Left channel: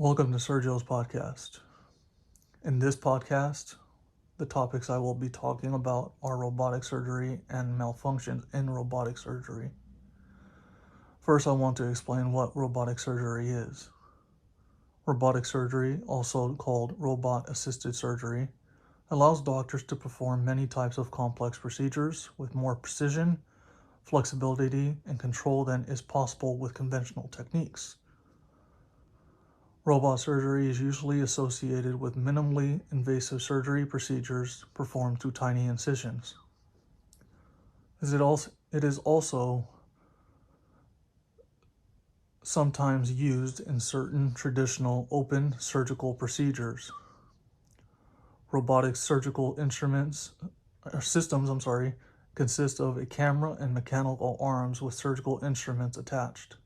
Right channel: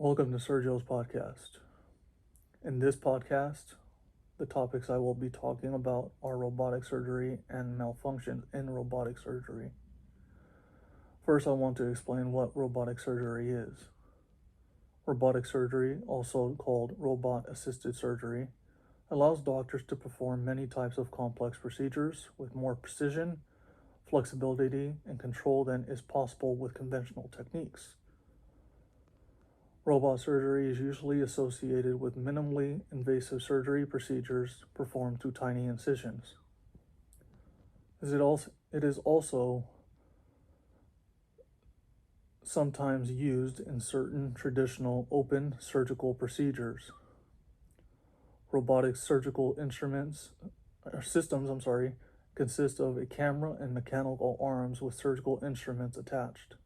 Welcome to Sergio's podcast. In this podcast, the topics I will be talking about are robotic surgery and malfunctions in robotic surgery. First, I want to explain what robotic surgery is. Robotic surgery, also called robot-assisted surgery, allows doctors to perform many types of complex procedures with more precision, flexibility, and control than is possible with conventional techniques. Robot surgery is usually associated with minimally invasive surgery procedures performed through tiny incisions. It is also sometimes used in certain traditional open surgical procedures. Robotic surgical systems consist of a camera and mechanical arms with surgical instruments attached.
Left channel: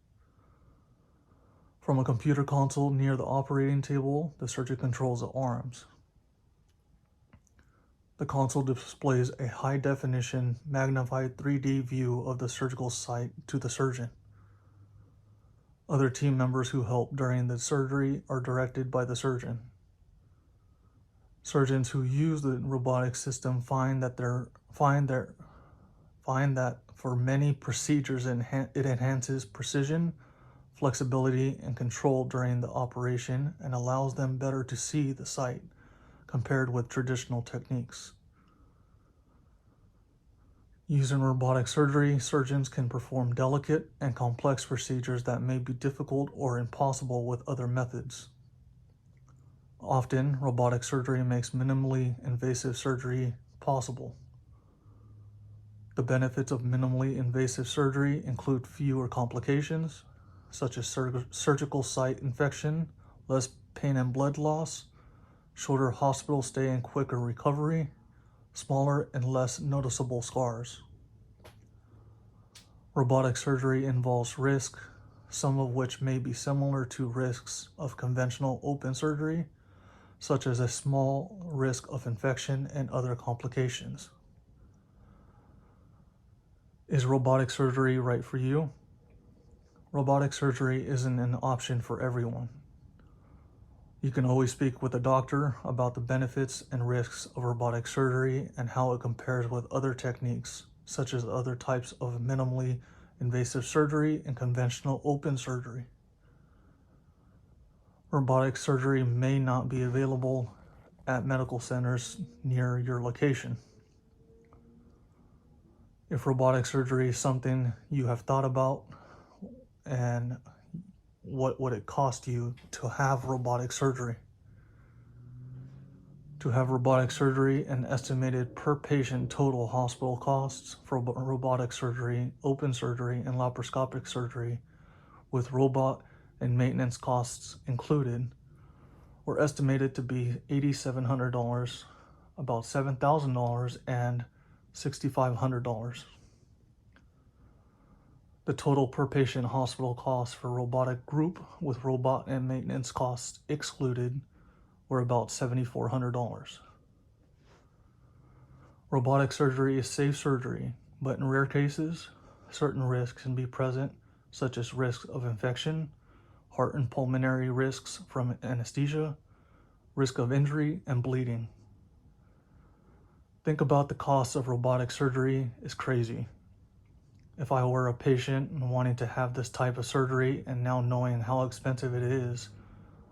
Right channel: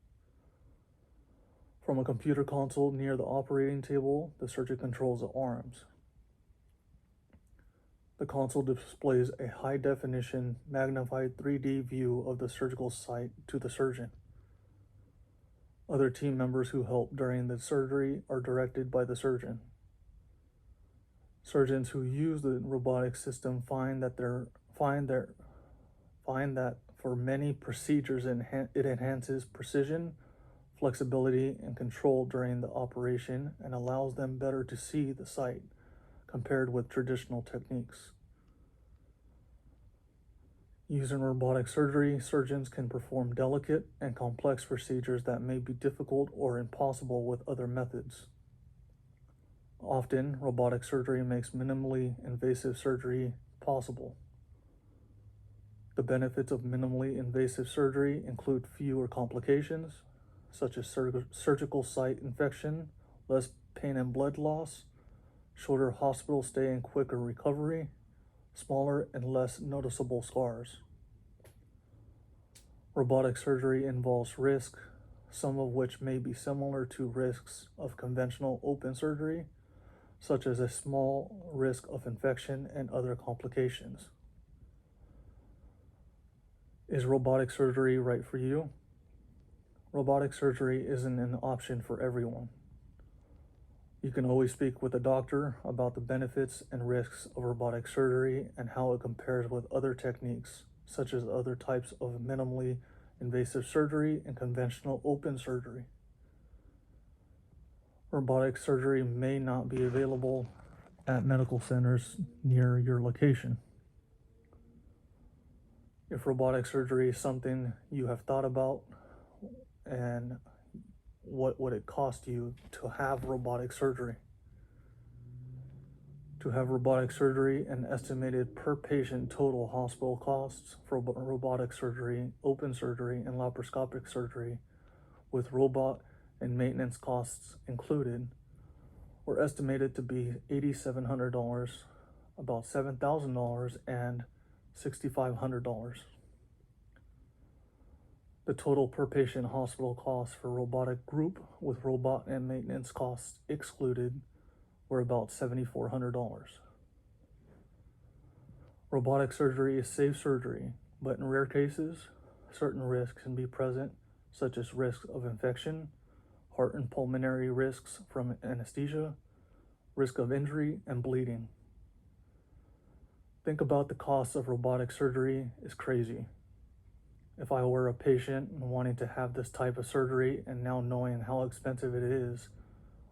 From a computer console near the operating table, the surgeon controls the arms. The console displays a high-definition, magnified 3D view of the surgical site to the surgeon. Other team members who help during the surgery are directed by the surgeon. Surgeons who use the robotic system find that for many procedures it enhances precision, flexibility, and control during the operation and allows them better to see the site compared with traditional techniques. Using robotic surgery, surgeons can perform delicate and complex procedures that may be difficult or impossible with other methods. Often, robotic surgery makes minimally invasive surgery possible. The benefits of minimally invasive surgery include fewer complications, such as surgical site infection, less pain and blood loss, shorter hospital stay and quicker recovery, smaller and less noticeable scars. Robotic surgery involves risk, some of which may be similar to risks of conventional open surgery, such as a small risk of infection and other complications. Is robotic surgery right for you? Robotic surgery isn't an option for everyone. You can always speak with a doctor about the benefits and risks of robotic surgery and how it compares with other techniques, such as other types of minimally invasive surgery and conventional open surgery. Robotic surgery may not be available at medical centers near your location. If robotic surgery is something you have thought about, and what would it cost you to have robotic surgery? To have robotic surgery, an estimated per patient total hospital costs for robotic surgery, open surgery, and laparoscopic surgery, with robot and maintenance costs included, were estimated to be $8,700, about $7,000, and $6,500. The total per patient hospital costs for robotic group with robot and maintenance costs excluded were about $7,400. Robotic surgery is safe surgery, but in rare cases, certain risks can be present, such as risks of infection, heart and pulmonary risks from anesthesia, risk of injury, and bleeding. Think about the cost of robotic surgery is crazy. If I were a patient and wanting to have this type of surgery and now knowing how expensive it is,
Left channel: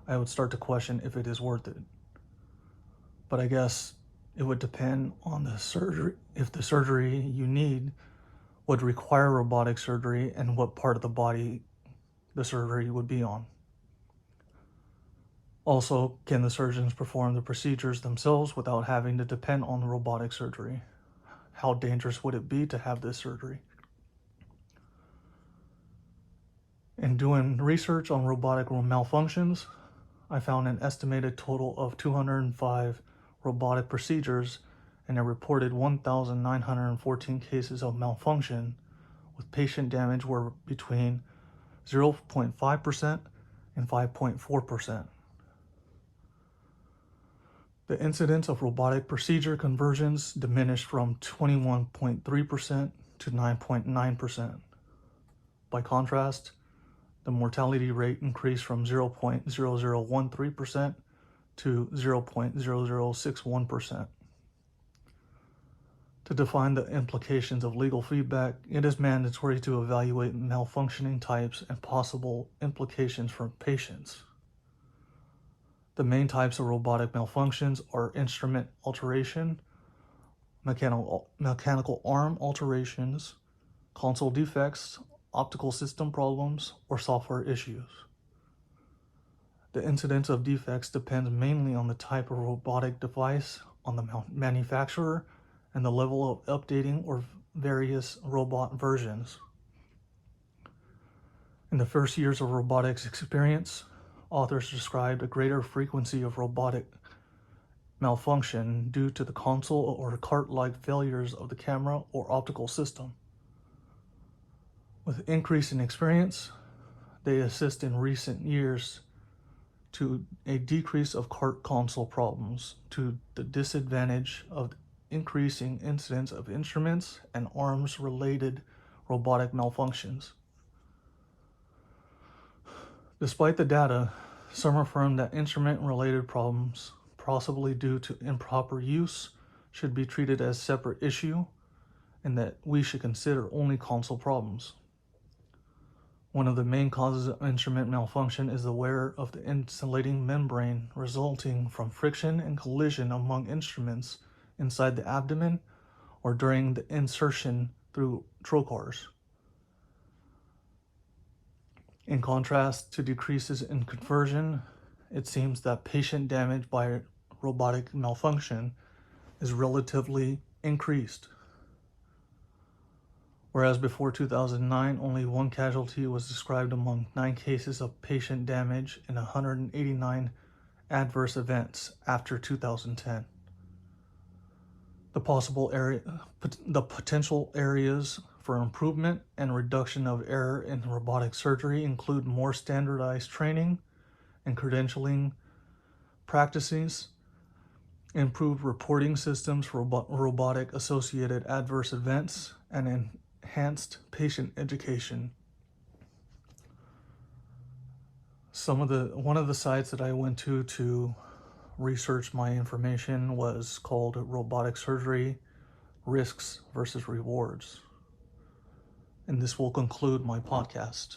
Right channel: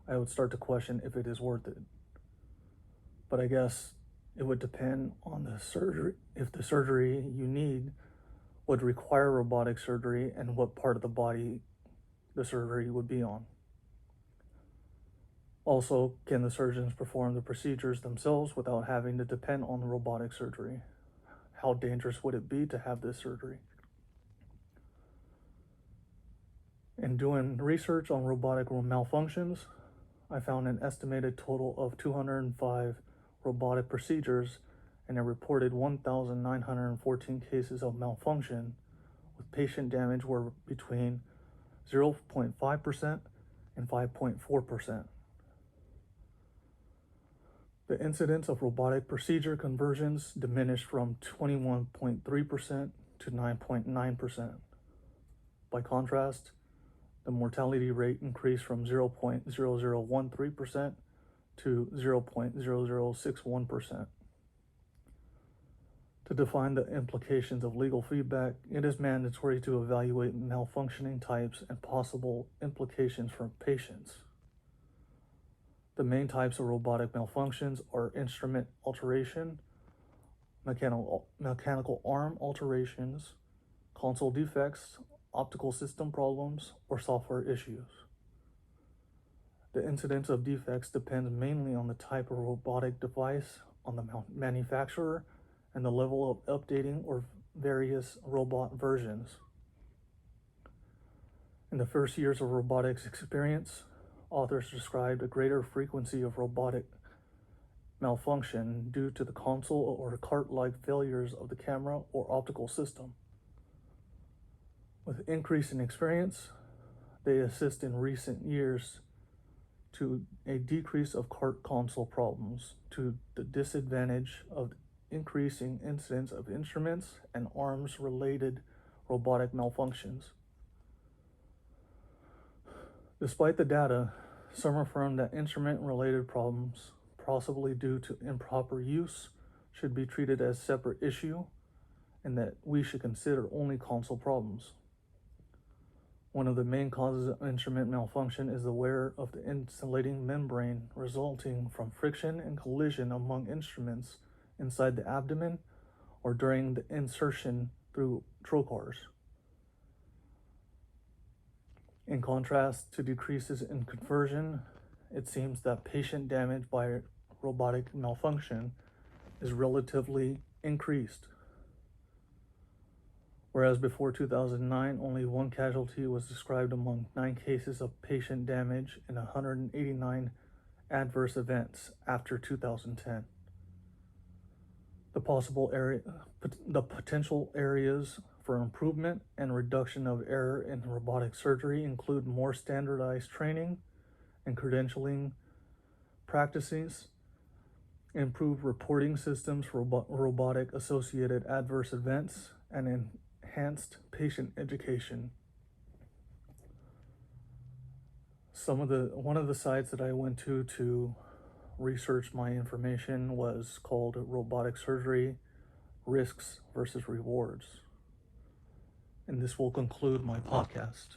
I would start to question if it is worth it. But I guess it would depend on the surgery, if the surgery you need would require robotic surgery and what part of the body the surgery would be on. Also, can the surgeons perform the procedures themselves without having to depend on the robotic surgery? How dangerous would it be to have this surgery? In doing research on robotic malfunctions, I found an estimated total of 205 robotic procedures and a reported 1,914 cases of malfunction, with patient damage were between 0.5% and 5.4%. The incidence of robotic procedure conversions diminished from 21.3% to 9.9%. By contrast, the mortality rate increased from 0.0013% to 0.0061%. To define the implications of legal feedback, it is mandatory to evaluate malfunctioning types and possible implications for patients. The main types of robotic malfunctions are instrument alteration, mechanical arm alterations, console defects, optical system problems, or software issues. The incidence of defects depends mainly on the type of robotic device, on the manufacturer, and the level of updating or various robot versions. In the first years of robotics experience, authors described a greater frequency of robotic malfunction due to the console or cart-like failures of the camera or optical system. With increase in experience, they assist in recent years to a decrease of cart console problems to the disadvantage of increasing incidence of instruments and arms-related robotic malfunctions. Despite the data, some affirm that instrument-related problems, possibly due to improper use, should be treated as a separate issue, and that we should consider only console problems. One of the main causes of instrument malfunction is the wear of the insulating membrane, resulting from friction and collision among instruments inside the abdomen or during the insertion through trocars. In contrast to decreases in conversion, it seems that patient damage by robotic malfunction is relatively increased. Whereas before 2009, only one casualty was described among 9 cases of patient damage and 189 adverse events after 2010. The potential areas for improvement and reduction of error in robotic surgery include more standardized training and credentialing practices, improved reporting systems for robotic associated adverse events, and enhanced patient education. One of the sites that I went to research my information was called Robotic Surgery Risks versus Rewards. And this will conclude my podcast.